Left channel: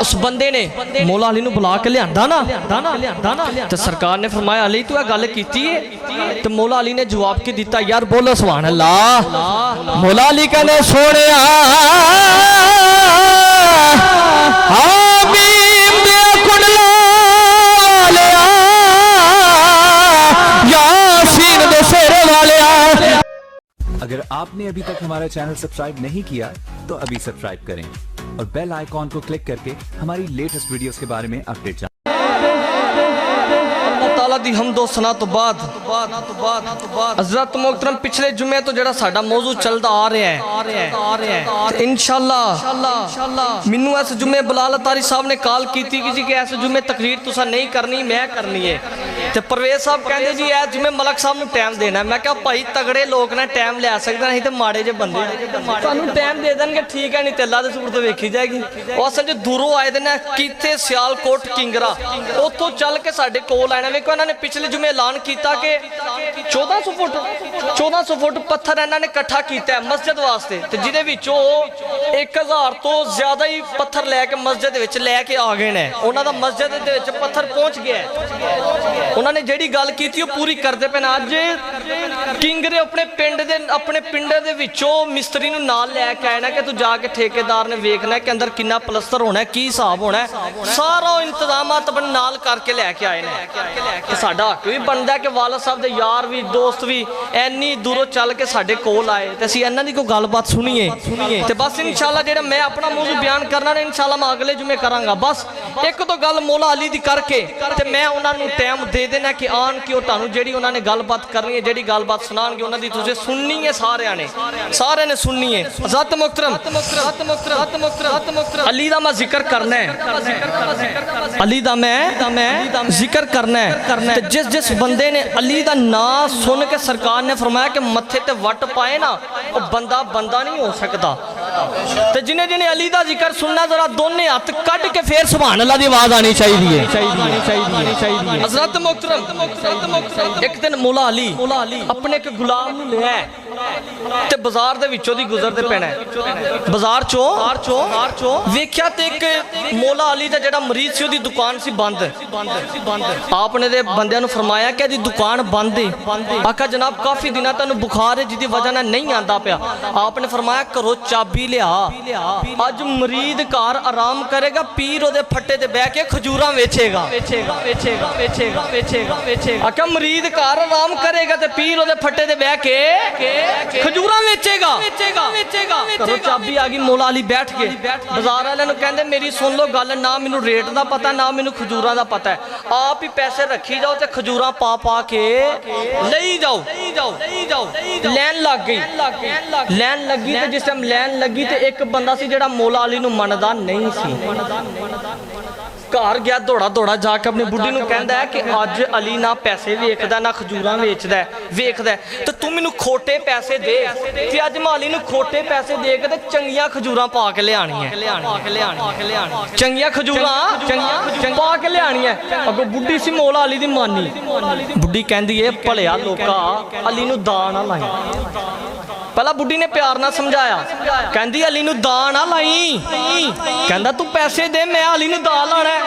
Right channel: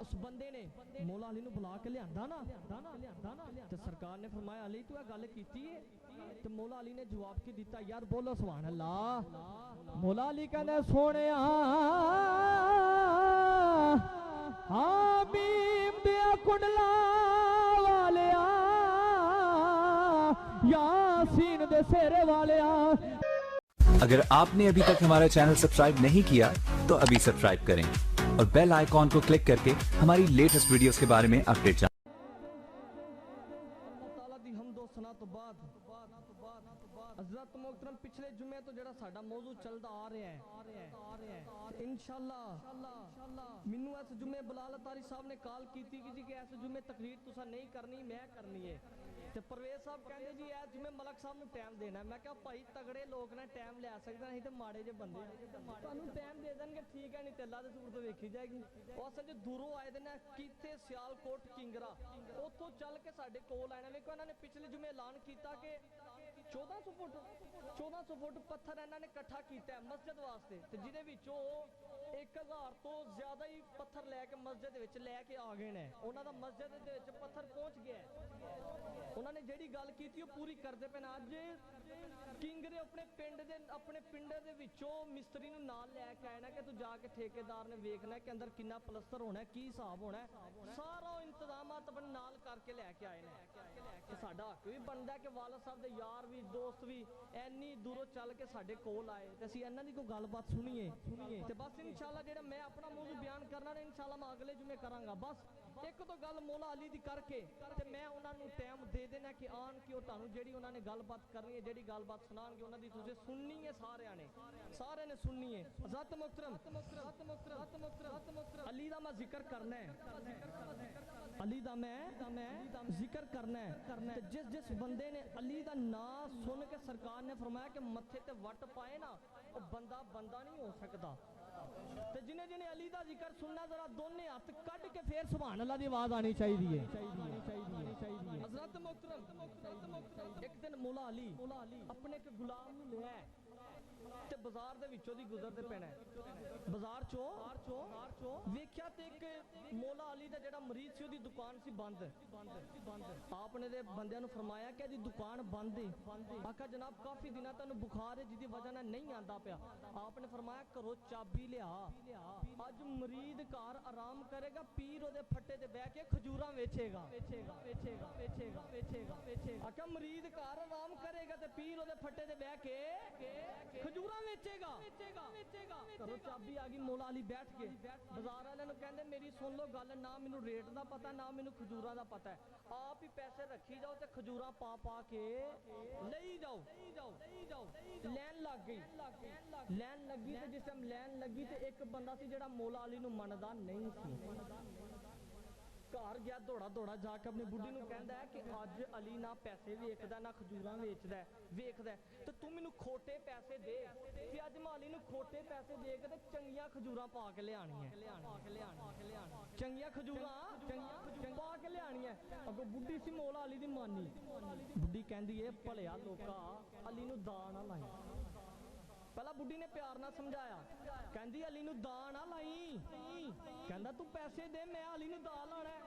उस बंदे ने मौला अली नूं बुला के लियांदा ना ते सरकार ने फरमाया अली तू गल कीती है ते मौला अली ने जवाब की दिता यार बोलो सुभान अल्लाह। मौला अली कहने सोहणिया अगर आपने अभी तक हमारा चैनल सब्सक्राइब नहीं किया तो अभी सब्सक्राइब करें और बेल आइकॉन को क्लिक करके हमारी लेटेस्ट वीडियोस के बारे में अपडेट जानें। दी हमदो सना तो बाद हज़रत मोहतरम पिछले जुमे तो जड़ा साडा मौजू चलदा आ रहा है इंशाअल्लाह मैनू इस जुमे बिलाल अतारी साहब ने कॉल की थी कि इस जुमे तकरीर तुसा नहीं करनी मैं करनी है ते परवेज साहब कहते जी इस जुमे मलक साहब नूं टाइम देना। मैं कहा भाई तगड़े लोग ने टाइम लै सकते नहीं तो माड़े जे बंदे तुहानूं टाइम दे देंगे ठीक है नहीं तो अल्लाह दे सूरत वेखी जाएगी। वो असल च दूरों आए दे ने किथे सियालकोट किंगरा उतों चल के साडे कोल आए ने। वेखो इन्हां ने पिछले जुमे ऐलान किया कि 1400 फुट पत्थर इन्होंने इकट्ठा किया मस्जिद वास्ते ते जिहदे विचों 1000 तो ज्यादा ही पत्थर लैके मस्जिद विच लैके आ गए ने। उन्हां दा मस्जिद दे विच पत्थर पहुंच गया। उन्होंने जिहड़ी गल कीती पूरी करदे पे अज किंगरे अपने पिंड दे विचों मिस्त्री नूं नाल लैके आए ना कि तू जाके ठेकेदार ने वेखना कि अंदर कितना पलस्तर होना है की हिसाब होना है सारा इंतजाम अपने नाल करके लैके आए ने। साडा हक भी बनता है कि वाला साहब दे यार भी दोस्त भी इन्नी दूरों चल के साडे कोल आए ते असीं इन्हां दी कोई गलबात सुनीए ते बस इंशाअल्लाह जेड़ा मैं अपना मौजू बयान करना ने इंशाअल्लाह मैं अगले जुमे करांगा। बस एक तो गल मौला अली दी करके ते मैं उन्हां नूं टाइम दे देना कि आन कि ओह तुहानूं जेड़ी उन्हां ने गलबात करनी है जेड़ी गलबात सुनाणगे उन्हां दी तुसीं सुननी है सारे ने सुननी है। ज़ात मुहतरम अली दा मैं जिक्र करना है अली दा मैं जिक्र करना है। जिस बंदे ने अली दा नाम सुन के सरकार ने फरमाया कि मत्थे ते वट पाए ना वो बंदा नहीं हो सकता। ते जिन्हें अली दा जिक्र सुनना जरा दोने हाथ कट के फिर सुभान अल्लाह दी आवाज आनी चाहिए। हज़रत मोहतरम एक दिन मौला अली अपने एक गुलाम नूं लिया ते बाजार दे विचों दी गुजरदे पैना बाजार चो वेख्या ते एक मौला अली दा जेड़ा मरीज सी ओदी दुकान सी बंद। आपने दे बंदियां नूं फरमाया कि दी दुकान बंद है। आखा जनाब काफी दिनों तैनूं बुखार है जिहदी वजह नाल नहीं आंदा पिया। आपने फरमाया करो चाबी लिया अज मरीद घर आराम करेगा पीर ओदे फट्टे ते बह के खजूरां वेचेगा। आखा मरीद घर आराम करेगा ते पीर ओदे फट्टे ते बह के खजूरां वेचेगा। करो चाबी आ गई मौला अली बैठ गए। बाजार वाले नूं कहंदे मेरी सुन लो गल ना मैनूं रेट दा पता ना मैनूं खजूरां दा पता है आप ही पैसे रखी जाओ ते खजूरां पा के लई जाओ। लैन लग गई ते जिस टाइम लैन लगी तो एक बंदा सी जेड़ा मौला अली नूं मनदा नहीं सी। घर गया दौड़ा जाके अपनी बुढ़ी नूं कहंदा है कि अज अली ना पैसे वेचदा ना खजूरां वेचदा तो तू मैनूं खोटे पैसे दे ते अज मैं अली नूं खोटे पैसे दे के ते चंगियां खजूरां पा के लियाणी है। चंगियां खजूरां पा के लियाणी है। अगों बुढ़ी सी मौला अली दी मानी बुढ़ी कहंदी है भलिया लोका अली नूं दान ना लाई। पहला बुढ़ी ने प्यार ना समझाया कहंदी अली नूं दान ना लाई। कहंदा तू पैसे दे मैं अली नूं दान लाना है।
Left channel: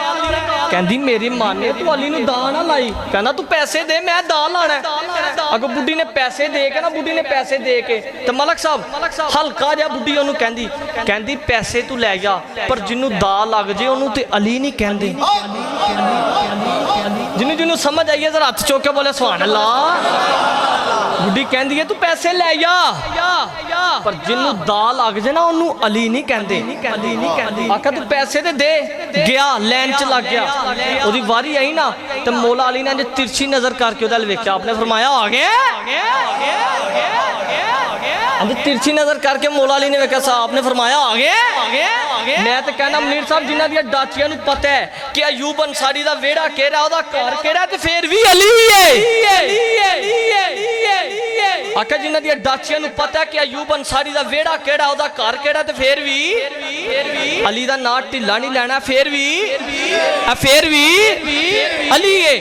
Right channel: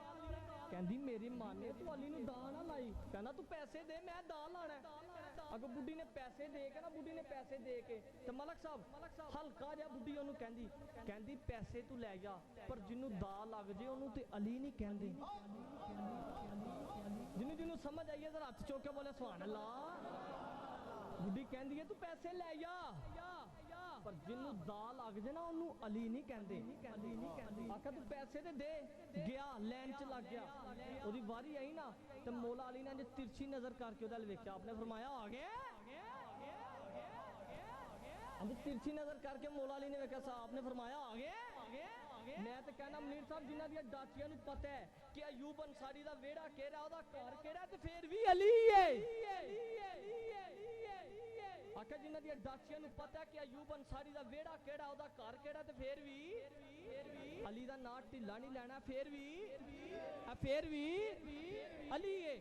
कहंदी मेरी माने तू अली नूं दान ना लाई। कहंदा तू पैसे दे मैं दान लाना है। अगो बुढ़ी ने पैसे दे के ते मलक साहब हल्का जिहा बुढ़ी ओनू कहंदी पैसे तू लै जा पर जिन्नू दा लग जे ओनू ते अली नहीं कहंदे। जिन्नू समझ आई है जरा हथ चुक के बोले सुभान अल्लाह। बुढ़ी कहंदी है तू पैसे लै जा पर जिन्नू दा लग जे ना ओनू अली नहीं कहंदे। आखा तू पैसे ते दे गया लैन च लग गया ओदी वारी आई ना ते मौला अली ने तिरछी नजर करके ओदे वेख्या। आपने फरमाया आ गया तिरछी नजर करके मौला अली ने वेख्या साहब ने फरमाया आ गया। मैं तो कहना मुनीर साहब जिन्हां दी डाचियां नूं पता है कि अयूब अंसारी दा वेड़ा केड़ा ओदा घर केड़ा ते फिर भी अली है। आखा जिन्हां दी डाचियां नूं पता है कि अयूब अंसारी दा वेड़ा केड़ा ओदा घर केड़ा ते फिर भी अली दा नाम ढिला नहीं लेना फिर भी अली है।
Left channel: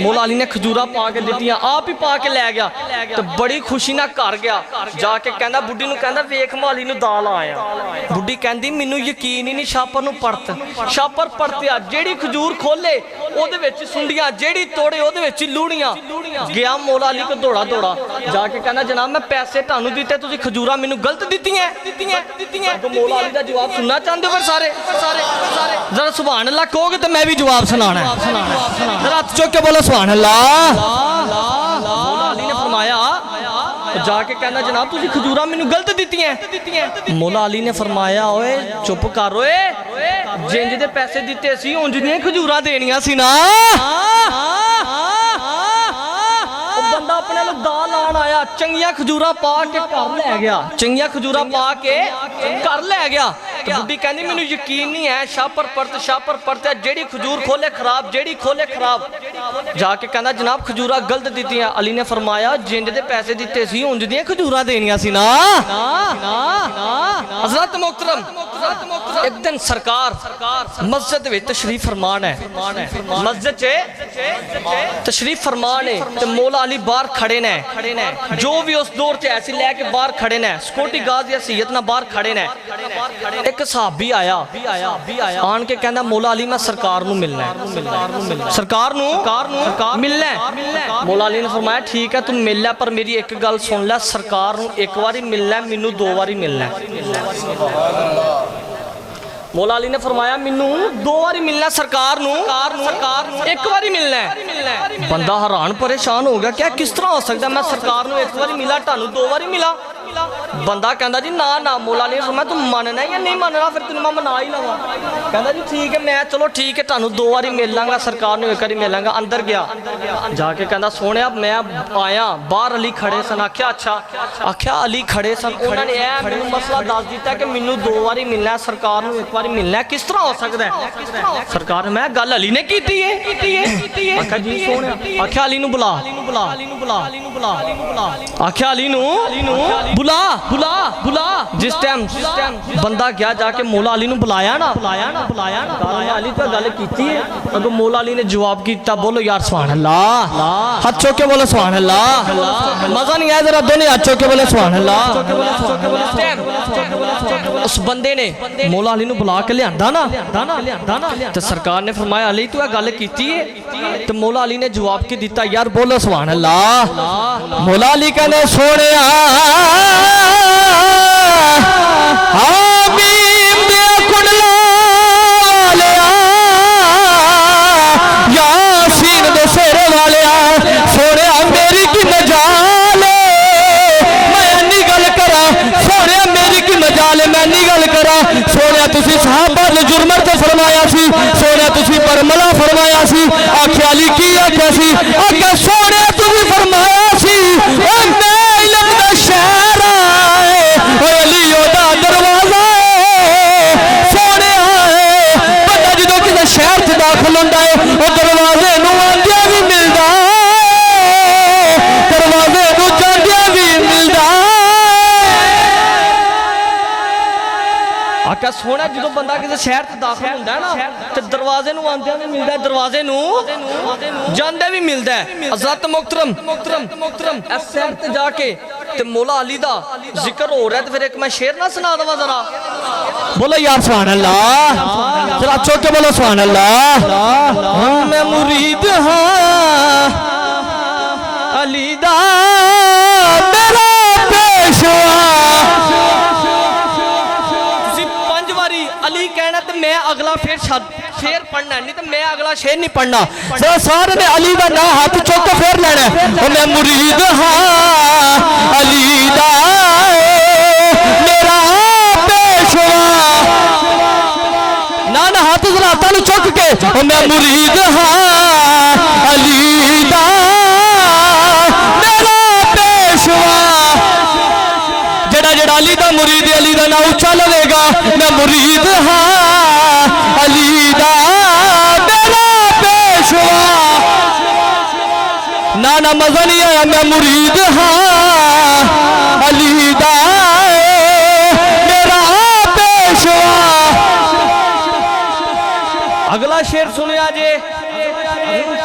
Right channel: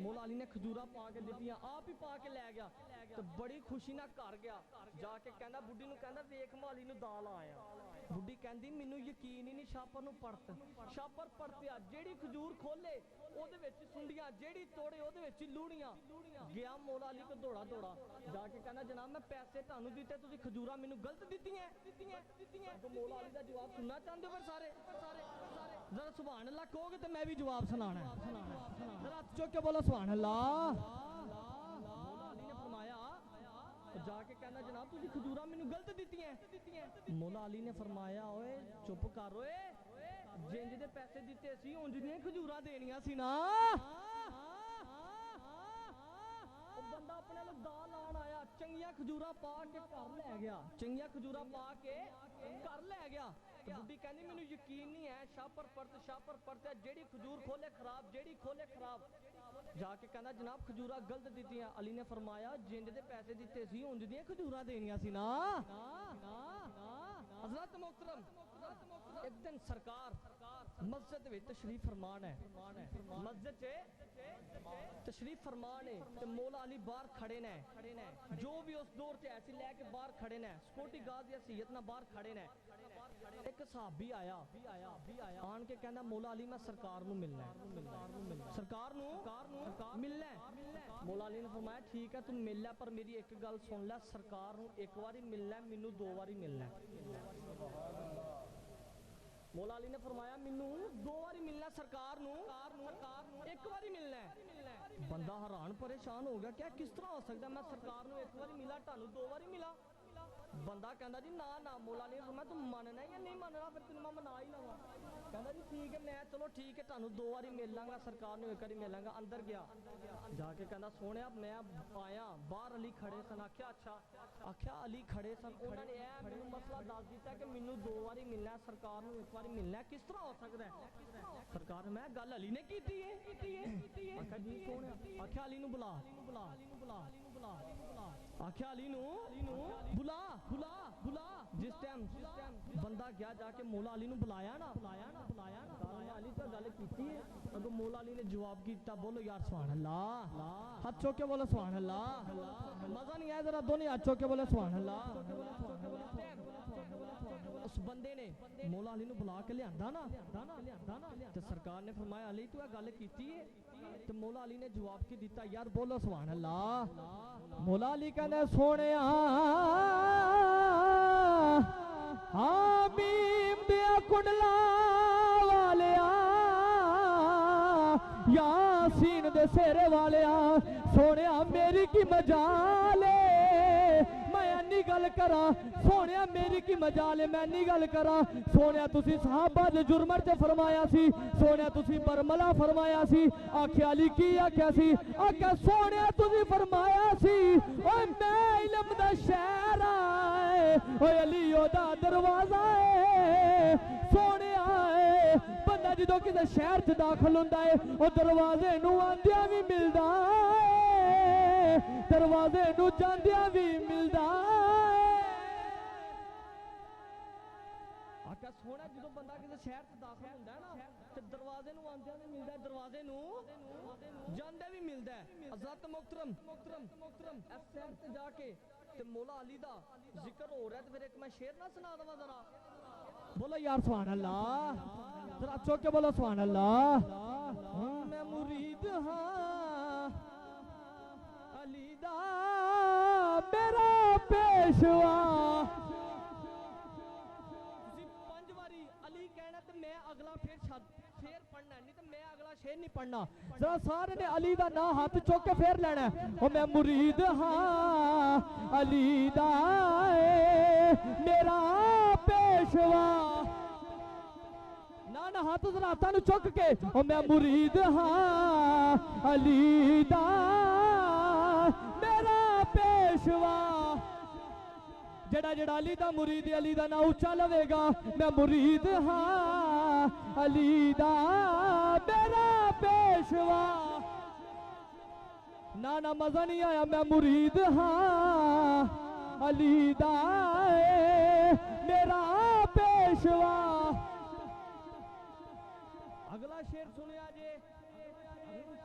मौला अली ने खजूरा पा के दित्तियां आप ही पा के लै गया। ਤੇ ਬੜੀ ਖੁਸ਼ੀ ਨਾਲ ਘਰ ਗਿਆ ਜਾ ਕੇ ਕਹਿੰਦਾ ਬੁੱਢੀ ਨੂੰ ਕਹਿੰਦਾ ਵੇਖ ਮਾਲੀ ਨੂੰ ਦਾਲ ਆਇਆ ਬੁੱਢੀ ਕਹਿੰਦੀ ਮੈਨੂੰ ਯਕੀਨ ਹੀ ਨਹੀਂ ਛਾਪਰ ਨੂੰ ਛਾਪਰ ਪਰਤਿਆ ਜਿਹੜੀ ਖਜੂਰ ਖੋਲੇ ਉਹਦੇ ਵਿੱਚ ਸੁੰਡੀਆਂ ਜਿਹੜੀ ਤੋੜੇ ਉਹਦੇ ਵਿੱਚ ਲੂੜੀਆਂ ਗਿਆ ਮੌਲਾ ਅਲੀ ਕੋ ਦੌੜਾ ਜਾ ਕੇ ਕਹਿੰਦਾ ਜਨਾਬ ਮੈਂ ਪੈਸੇ ਤੁਹਾਨੂੰ ਦਿੱਤੇ ਤੁਸੀਂ ਖਜੂਰਾਂ ਮੈਨੂੰ ਗਲਤ ਦਿੱਤੀਆਂ ਮੌਲਾ ਅਲੀ ਦਾ ਜਵਾਬ ਸੁਣਨਾ ਚਾਹੁੰਦੇ ਹੋ ਫਿਰ ਸਾਰੇ जरा सुभान अल्लाह कहोगे तो मैं भी जवाब सुनाना है जरा हाथ चुक के बोलो सुभान अल्लाह मौला अली ने फरमाया जाके कहना जनाब तुसी खजूरा मैनू गलत दित्तियां मौला अली ने फरमाया ओए चुप कर ओए जिंज दे पैसे दिते सी उंज दियां खजूरा देनियां सी ना बंदा अपने लोग दाल लान आया चंगिया खजूरा पा के घर ले गया चंगिया खजूरा पा के घर ले गया तो बुढ़ी कहनी मैनू यकीन नहीं है शापर परत जेड़ी खजूर खोले खराब जेड़ी खोले खराब जाके कहना जनाब खजूरा गलत दित्तियां अली ने फरमाया जिंज दे पैसे दिते सी उंज दियां खजूरा देनियां सी ना हज़रत मोहतरम एक दिन सरकार मस्जिद विच तशरीफ फरमान है मस्जिद च तशरीफ फरमान है ते मौला अली बाहर खड़े ने जो भी उस दौर च ऐसी लैके बाहर खड़े ने सिक्योरिटी गार्ड या सैयद ना बाहर खड़े ने एक सहाबी आया आन के कहना मौला अली मैं सरकार नू मिलना है सरकार नू मिलना है मौला अली ने फरमाया ठीक है तू मिल ले पर मेरी एक गल सुन ले सरकार नू एक बारी मिलना है मैनू दो बारी मिलना है मौला अली ने फरमाया मैनू दो बारी मिलना सरकार नू एक बारी मिलना है बंदा हैरान परेशान हो गया क्या किस तरह हो सकता मैं सरकार नू एक बारी मिला तानू दो बारी मिला बंदा कहता जी ना मौला अली ने फरमाया तू मनना या नहीं मनना फिर तेन मैं मना ही लवा कहता जी ठीक है मैं चलो ठीक है तानू दो बारी मिल लांगा सरकार नू एक बारी मिल लांगा अंदर गया जाके कहता सोने मैं आया बाहर अली खड़े सन आख्या अच्छा आख्या अली खड़े सन उन्होंने मैनू मसला दस दिता कि मैनू दो बारी मिलना है सरकार नू एक बारी मिलना है किस तरह हो सकता है सरकार मैं गल अली ने की है आख्या जी सोने आख्या अली नू बुला आख्या अली नू बुला जिस टाइम बंदा गया जाके मौला अली नू बुलाया ना अली तो गल कीती है अगो मौला अली ने जवाब किया बोलो यार सुभान अल्लाह हाथ चुक के बोलो सुभान अल्लाह मजा नहीं आया जरा दोनों हाथ चुक के बोले सुभान अल्लाह उस बंदे ने मौला अली नू बुला के लियांदा ना तो सरकार ने फरमाया अली तू गल कीती है तो मौला अली ने जवाब की दिता यार बोलो सुभान अल्लाह मौला अली कहने सोने जुर्मर तो फरमाया सी सोने तुसी परमला फरमाया सी आख्या अली की आख्या सी आख्या सोने तुसी फरमाया सी ओ मैं इल्म दा शहर आए ओ अली ओदा दरवाजा सोने आए बंदा जदों किसी शहर च दाखिल हुंदा है ओ दरवाजे नूं आंदियां भी मिलदा दरवाजे नूं जांदियां भी मिलदा आख्या सोना जो बंदा किसी शहर से दाखिल होंदा है ना तो दरवाजे नूं आंदियां भी मिलदा दरवाजे नूं जांदे भी मिलदा है हज़रत मोहतरम इस शहर ते जाके ते मौला अली दा जिक्र हो रहा है तो फिर एक मैं शेर ना सुना दवा जरा बोलो यार सुभान अल्लाह जरा चुक के बोलो सुभान अल्लाह मैं मुरीद हां अली दा मेरा पेशवा अली कहना तो मैं अगला शेर पढ़ना नहीं तो मैं अगला शेर नहीं पढ़ना सारे ने अली का ना हाथ चुक के फेर लेना मैं मुरीद हाँ अली दा मेरा पेशवा ना हाथ जलाता चुक के मैं मुरीद हाँ अली दा मेरा पेशवा जेड़ा अली दा मुरीद अली दा ना उच्चा लगेगा मैं मुरीद हाँ अली दा मेरा पेशवा ना मजा नहीं आया मैं मुरीद हाँ अली दा मेरा पेशवा अगला शेर सुनिया जे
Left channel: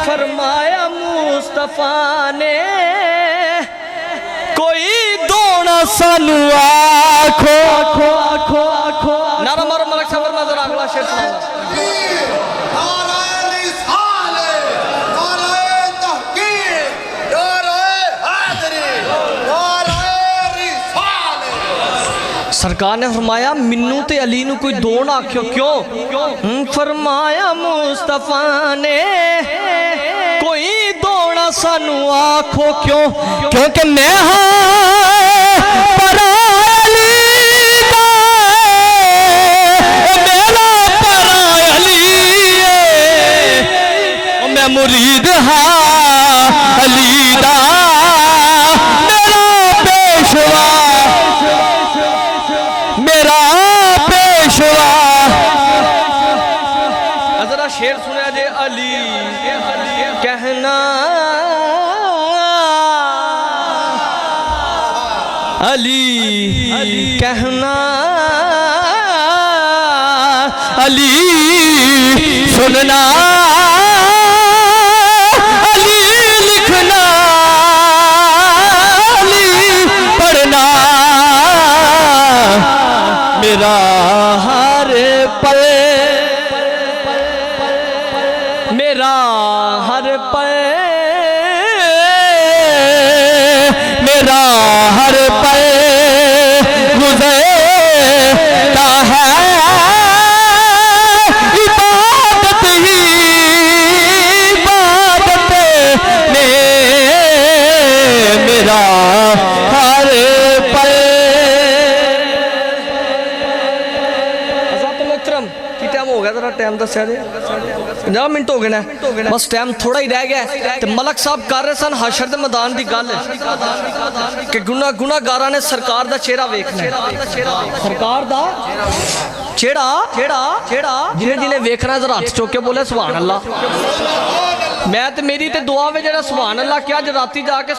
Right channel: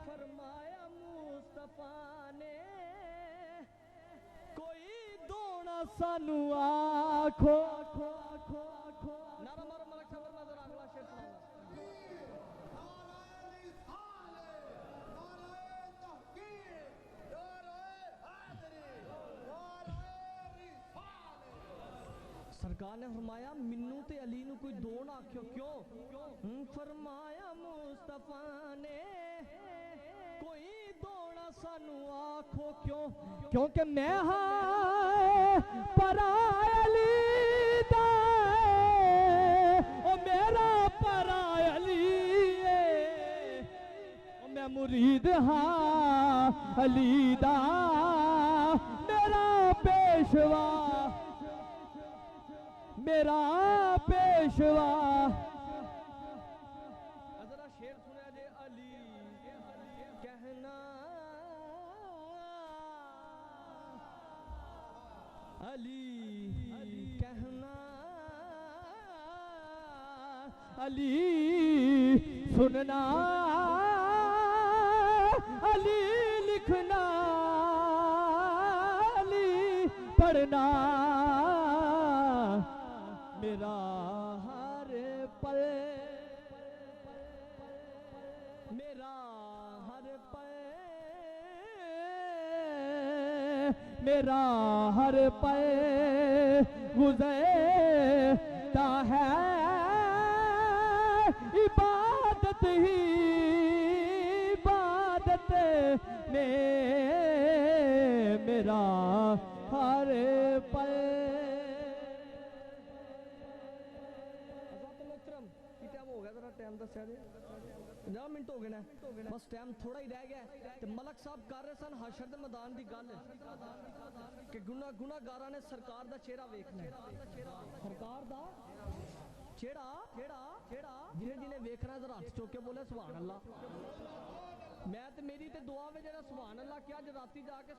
फरमाया मुस्तफा ने सानू आखो नारा मारो मलक सबर में जरा अगला शेर सुनाऊंगा सरकार ने फरमाया मिन्नू ते अली नू कोई दो ना आख्यो क्यों फरमाया मुस्तफा ने कोई दो ना सानू आखो क्यों क्योंकि मैं परा अली दा मेरा परा अली मैं मुरीद हाँ अली दा मेरा पेशवा मेरा पेशवा जरा शेर सुना जे अली कहना अली कहना अली सुनना अली लिखना अली पढ़ना मेरा हर पल मेरा हर पल मेरा हर पल गुजरता है इबादत ही इबादत में मेरा हर पल हो गया जरा टाइम दस 50 मिनट हो गए ना बस टाइम थोड़ा ही रह गया ते मलक साहब कर रहे सन हशर दे मैदान की गल कि गुनाहगारां ने सरकार दा चेहरा वेखना सरकार दा चेहरा जिन्हें वेखना जरा हाथ चुक के बोले सुभान अल्लाह मैं ते मेरी ते दुआ वे जेड़ा सुभान अल्लाह क्या अज राती जाके